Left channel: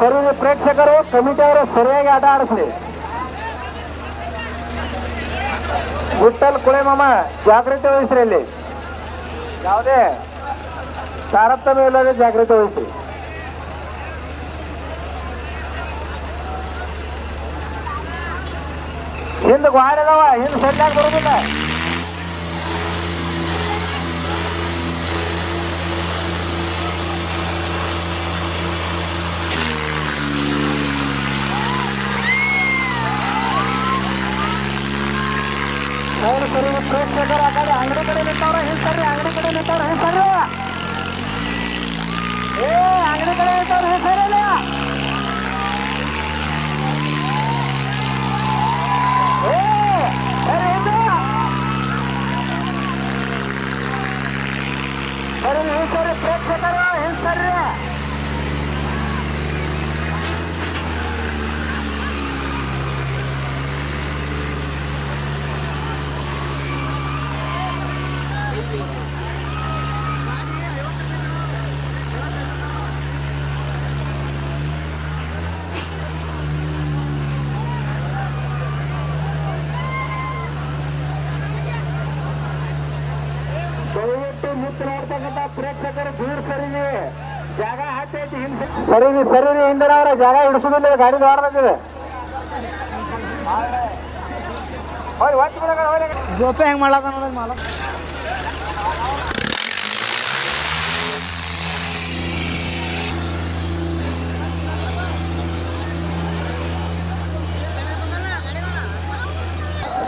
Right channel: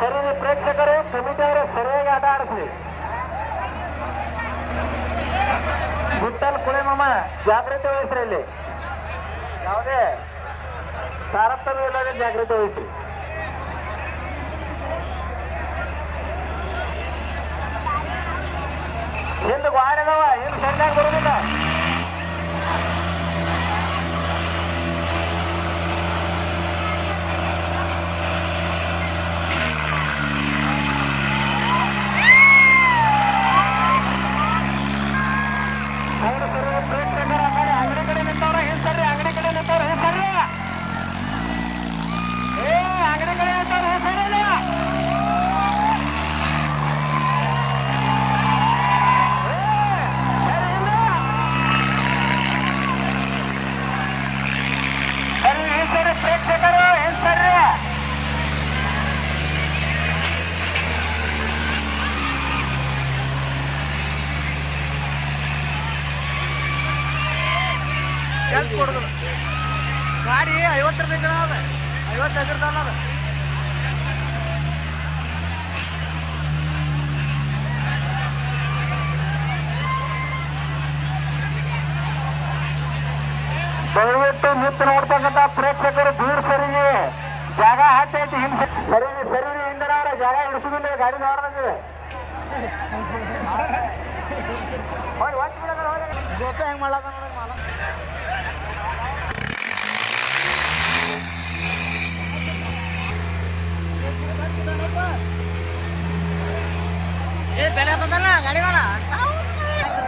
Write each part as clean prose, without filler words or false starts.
ಸರಿ ಪ್ರೇಕ್ಷಕರು ಕಮಿಟಿ ಅವರು ಸರಿಯಾಗಿ ಆಟ ಆಡಿಸ್ರಿ. ವಿಠಲ್ ಕುಳೆಮಾಮ ಜಾಗೃತಿ ವಹಿಸ್ರಿ. ಅಲ್ಲಿ ಯಾವುದೇ ತಾರತಮ್ಯ ಇಲ್ಲದೆ ಜಾಗೃತಿ ವಹಿಸ್ರಿ. ಹಿಂದೆ ಗಾಡಿದವ ಹಿಂದೆ ಸೆಟ್ಟಾಗಿ ಬರೋದಿಲ್ಲ. ಪ್ರೇಕ್ಷಕರು ಹಿಂಸರ್ರಿ. ಗಾಡಿ 50 ರೂಪಾಯಿ 55 ರೂಪಾಯಿ. ದಯವಿಟ್ಟು ನಿಂತು ನೋಡ್ತಕ್ಕಂಥ ಪ್ರೇಕ್ಷಕರು ದೂರ ಸರಿಗೆ ಜಾಗ ಹಾಕೈತಿ. ಹಿಂದೆ ಸರಿ ಹಿಂದಿನ ಅವರ ಜಾಗ ಹಿಡಿಸುದಿಲ್ಲ. ಗಾಡಿ ದಾಡ್ಬೇಕಿದೆ. ಜೊತೆ ಹೆಂಗ್ ಮಾಡಕ ನೋಡ ಮಾಡ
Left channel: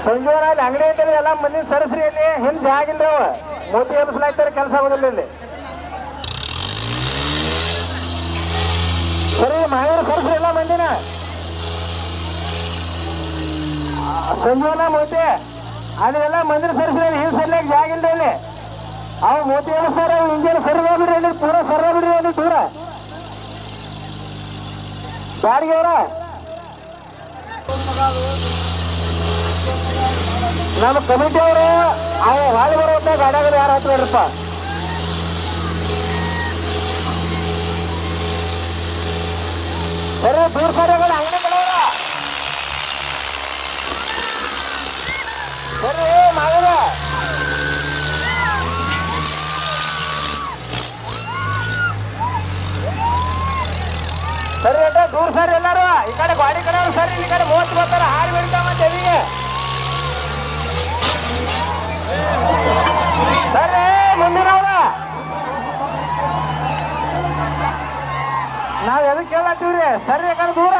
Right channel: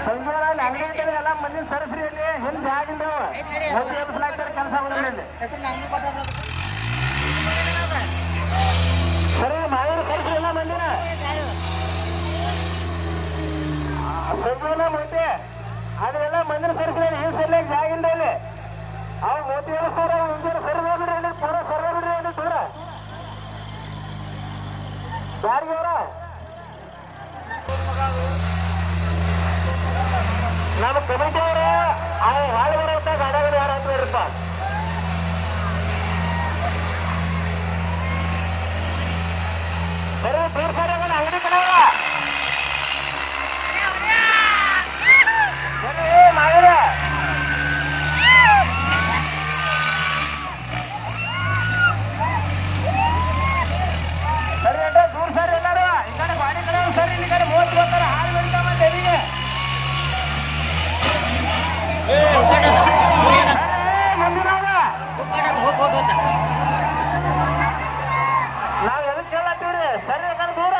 ಸಂಜೆವರಾಜ್ ಅಂಗಡಿ ಐತೆ ಎಲ್ಲ ಮಂದಿನ ಸರಸ್ರಿ. ಇಲ್ಲಿ ಹಿಂದೆ ಜಾಗ ಇಲ್ರಿ. ಅವ ಮೋದಿ ಎಲ್ಸ್ಲಾಯ್ತಾರೆ ಕೆಲಸ ಆಗೋದಿಲ್ಲ ಇಲ್ಲಿ. ಸರಿ ಮಹೇಂದ್ರ ಸರಸ್ರಿ ಎಲ್ಲ ಮಂದಿನ ಸಂಜೀವನ ಮೋತಿ ಅದೆಲ್ಲ ಮಂದಿರ ಸರಸ್ರಿ. ಹಿಂದೆ ಸರಿಯಾಗಿ ಜಾಗ ಇಲ್ರಿ ಇಲ್ಲಿ. ಅವು ಮೋತಿ ಎಲ್ಸ್ತಾರ. ಅವು ಇಂಜಿನ್ ಸರಿ ಬಿಡ್ರಿ. ಅಲ್ಲಿ ಪೂರ ಸರ ಬಿಡ್ರಿ. ಅಲ್ಲಿ ದೂರ ಬಾಡಿಗೆ ಅವರ ನಮ್ಮ ಕಮಿಟಿ ಅವರು ಹಾಳಿ ಬರೋದ ಗಾಡಿಯಾಗ ಯಾರು ಹಾಕ್ತಾರಪ್ಪ. ಸರಿ ದೂರ ಸರಿ ಅಂಗಡಿ ಕಡೆ ಸರಿ ನಾವೇ ಸರಿ ಅಡ್ಡ ದೂರ ಸರಿ ಎಲ್ಲಾರು. ಈ ಕಡೆ ಗಾಡಿ ಕಡೆ ಸರಿ. ಈ ಕಡೆ ಓದ್ ಬರ್ತಾರ ಹಾಳು ಬೆಳಿತಾ ಮತ್ತೆ ಎಲ್ಲಿಗೆ ಸರಿ ಮುಂದಿನವ್ರ ನಾವ್ ಎದಕ್ಕೆ ಕೇಳತ್ತೀವ್ರಿ. ಸರಿ ಯಾಕಂದ್ರೆ ದೂರ